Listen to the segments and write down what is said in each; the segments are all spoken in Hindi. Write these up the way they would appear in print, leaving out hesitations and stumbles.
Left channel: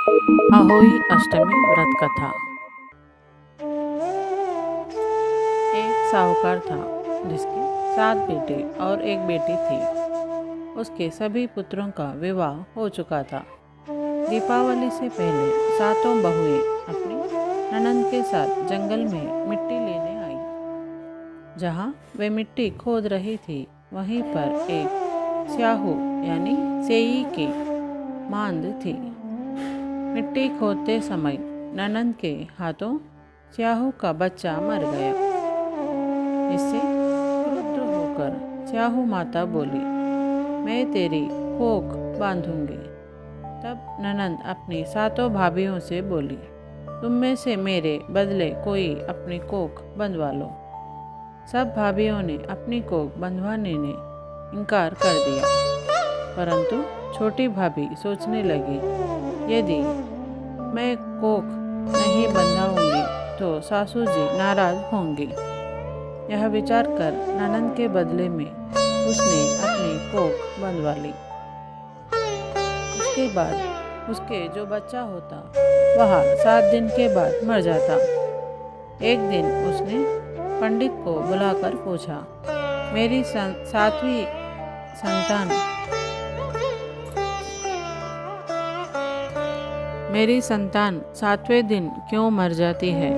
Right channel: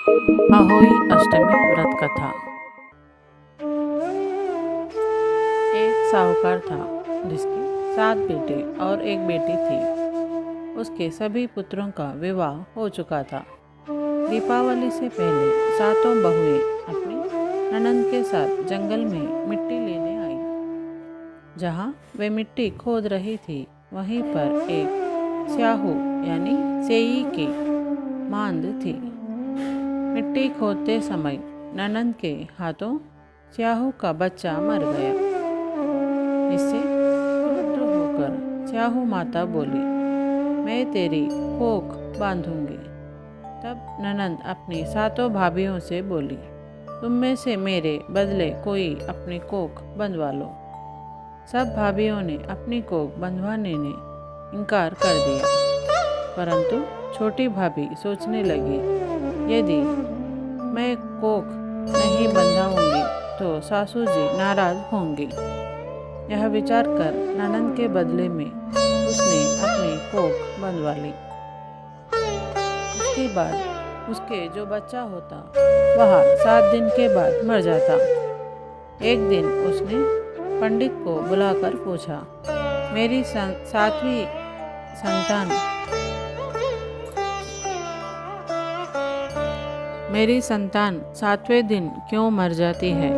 अहोई अष्टमी व्रत कथा। एक साहूकार था जिसके 7 बेटे और एक बेटी थी। उसके सभी पुत्रों का विवाह हो चुका था। दीपावली से पहले सातों बहुएं अपनी ननंद के साथ जंगल में मिट्टी लेने आई। जहाँ वे मिट्टी खोद रही थी वहीं पर एक स्याहू यानी सेई की मांद थी। मिट्टी खोदते समय ननंद के हाथों स्याहू का बच्चा मर गया। इससे क्रुद्ध होकर स्याहू माता बोली, मैं तेरी कोख बांधूंगी। तब ननंद अपनी सातों भाभियों से बोली, तुम में से मेरे बदले कोई अपनी कोख बंधवा लो। सब भाभियों ने अपनी कोख बंधवाने ने इनकार कर दिया, परंतु छोटी भाभी सोचने लगी, यदि मैं कोख नहीं बंधाऊंगी तो सासू जी नाराज होंगी। यह विचार कर ननंद के बदले में उसने अपनी कोख बंधवा ली। उसके बाद उसके जो बच्चा होता वह 7 दिन के बाद मर जाता। एक दिन उसने पंडित को बुलाकर पूछा, मेरी संतान 7वें दिन क्यों मर जाती है?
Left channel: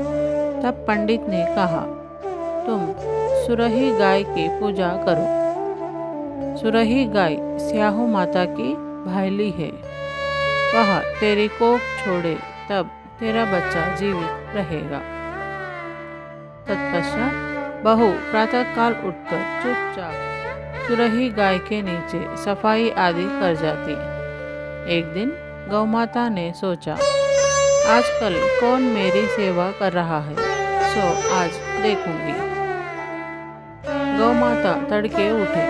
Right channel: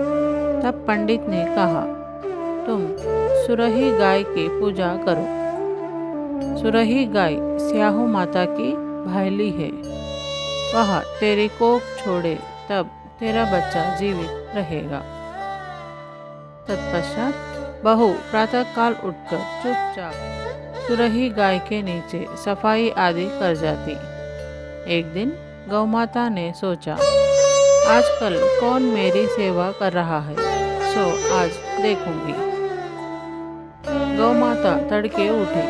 तब पंडित ने कहा, तुम सुरही गाय की पूजा करो। सुरही गाय स्याहू माता की भायली है। वह तेरी कोख छोड़े तब तेरा बच्चा जीवित रहेगा। तत्पश्चात बहू प्रातःकाल उठकर चुपचाप सुरही गाय के नीचे सफाई आदि कर जाती। एक दिन गौमाता ने सोचा, आजकल कौन मेरी सेवा कर रहा है, सो आज देखूंगी। गौमाता तड़के उठी।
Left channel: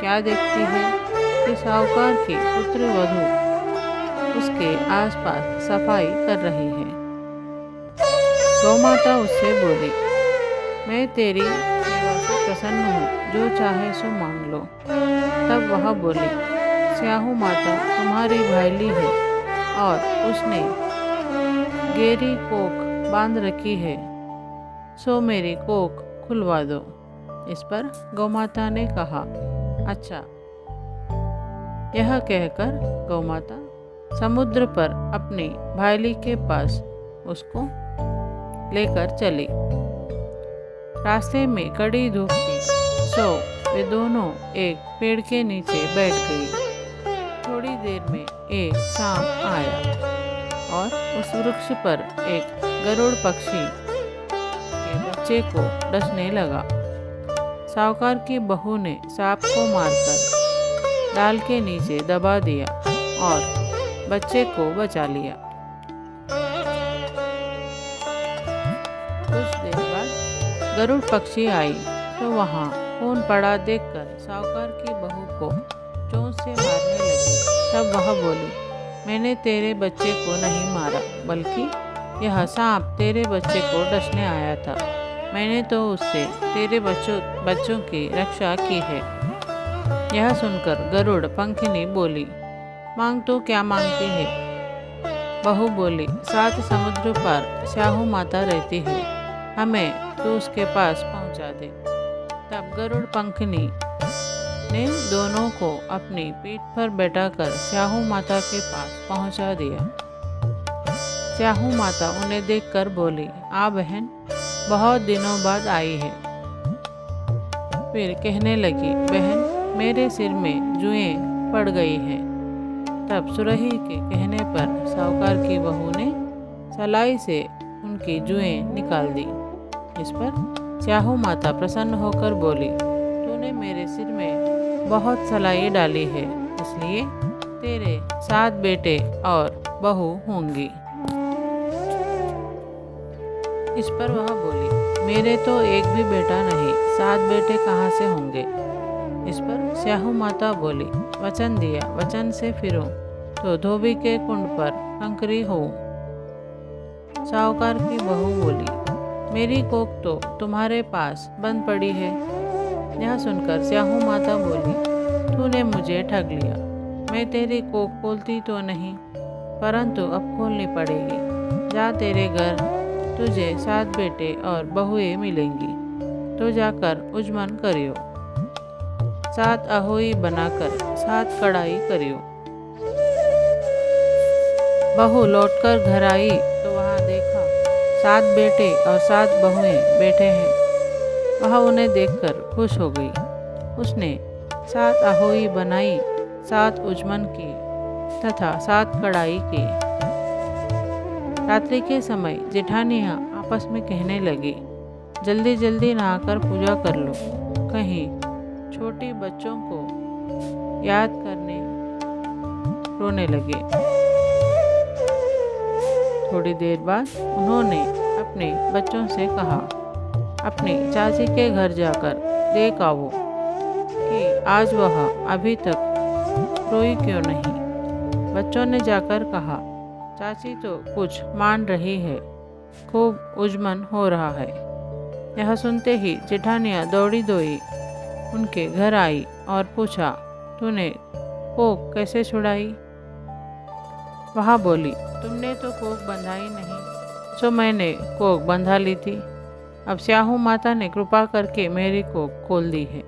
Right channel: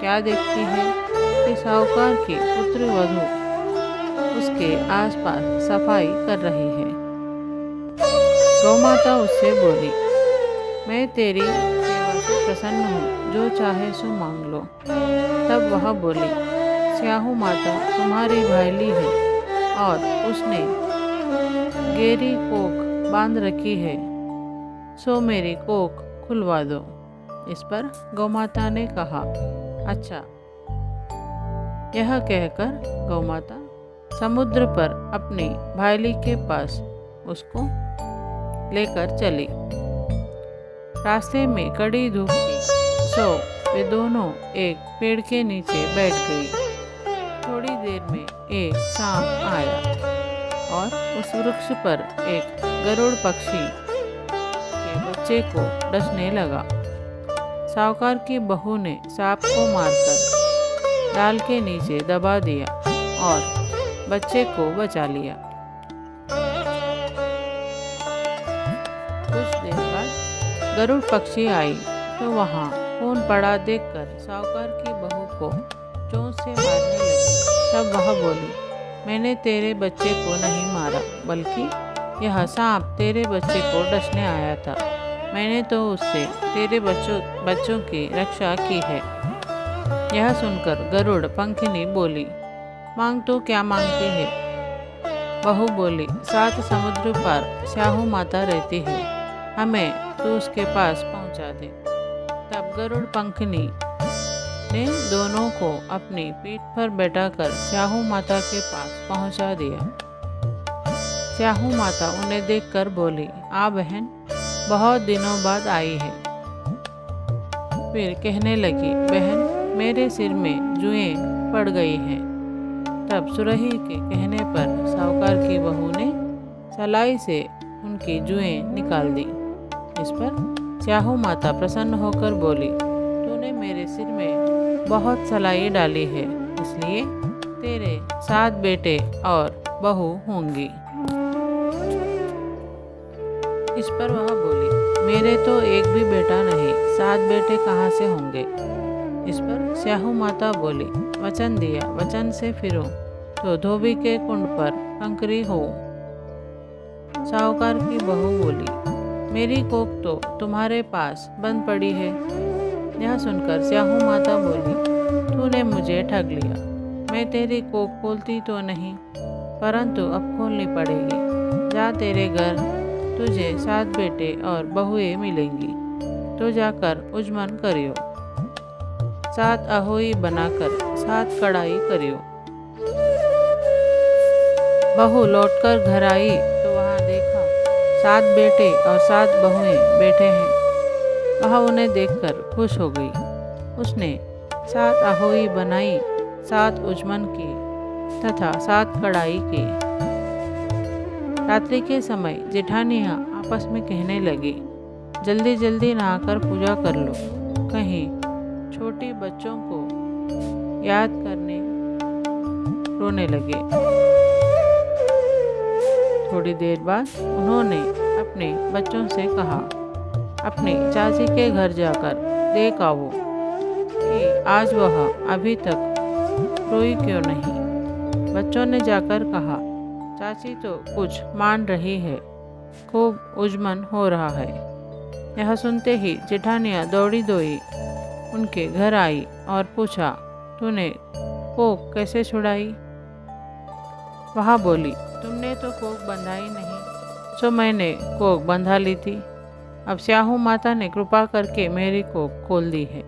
क्या देखती है कि साहूकार की पुत्र वधू उसके आसपास सफाई कर रही है। गौमाता उससे बोली, मैं तेरी सेवा से प्रसन्न हूँ, जो चाहे सो मांग लो। तब वह बोली, स्याहू माता तुम्हारी भाईली है और उसने गेरी कोख बांध रखी है, सो मेरी कोख खुलवा दो। इस पर गौमाता ने कहा, अच्छा। यह कहकर गौमाता समुद्र पर अपनी भाईली के पास उसको लेकर चली। रास्ते में कड़ी धूप थी, सो वे दोनों एक पेड़ के नीचे बैठ गई। थोड़ी देर में एक सांप आया और उस वृक्ष पर एक गरुड़ पक्षी के बच्चे को डसने लगा। साहूकार की बहू ने सांप को मारकर डाल के नीचे दबा दिया और बच्चे को बचा लिया। कुछ देर बाद गरुड़ पक्षी आई तो वहाँ खून पड़ा देखकर साहूकार की बहू को चोंच से मारने लगी। तब वह बोली, मैंने तेरे बच्चे को नहीं मारा, बल्कि यह सांप तेरे बच्चे को डसने आया था। मैंने तो उससे तेरे बच्चों की रक्षा की है। यह सुनकर गरुड़ पंखिनी बोली, मांग तो क्या मांगती है? बहू बोली, 7 समुद्र पार स्याहू माता रहती है, हमें तो उसके पास पहुंचा दे। तब गरुड़ पंखिनी ने दोनों को अपनी पीठ पर बैठाकर स्याहू माता के पास पहुंचा दिया। स्याहू माता उन्हें देखकर बोली, आ बहन, बहुत दिनों बाद आई है। फिर कहने लगी, बहन, मेरे सिर में जुएं पड़ गई हैं। तब सुरही के कहने पर साहूकार की बहू ने सलाई से उनकी जुएं निकाल दी। इस पर स्याहू माता प्रसन्न होकर बोली, तूने मेरे सिर में बहुत सलाई डाली है, इसलिए तेरे 7 बेटे और बहू होंगी। इस पर वह बोली, मेरे तो एक भी बेटा नहीं, 7 बेटे कहाँ से होंगे? इस पर स्याहू माता बोली, वचन दिया, वचन से फिरो तो धोबी के कुंड पर कंकरी हो। साहूकार की बहू बोली, मेरी कोख तो तुम्हारे पास बंद पड़ी है। यह सुनकर स्याहू माता बोली, तूने मुझे ठग लिया, मैं तेरी कोख खोलती तो नहीं। परंतु अब खोलनी पड़ेगी। जा, तेरे घर तुझे 7 बेटे और बहुएं मिलेंगी, तो जाकर उजमन करियो। 7 अहोई बनाकर 7 कढ़ाई करियो। बहू लौटकर घर आई तो वहाँ देखा 7 बेटे और 7 बहुएं बैठे हैं। वह उन्हें देखकर खुश हो गई। उसने 7 अहोई बनाई, 7 उजमन किए तथा 7 कढ़ाई की। रात्रि के समय जेठानियाँ आपस में कहने लगी, जल्दी जल्दी नहाकर पूजा कर लो, कहीं छोटे बच्चों को याद करने रोने लगे। थोड़ी देर बाद उन्होंने अपने बच्चों से कहा, अपनी चाची के घर जाकर देख आओ कि आज वह अभी तक रोई क्यों नहीं। बच्चों ने जाकर कहा, चाची तो कुछ मान रही है, खूब उजमन हो रहा है। यह सुनते ही जेठानियाँ दौड़ी दौड़ी उनके घर आई और पूछा, तूने कोक कैसे छुड़ाई? वह बोली, तुमने तो कोक बंधाई नहीं, सो मैंने कोक बंधा ली थी। अब स्याहू माता ने कृपा करके मेरी कोक खोल दी है।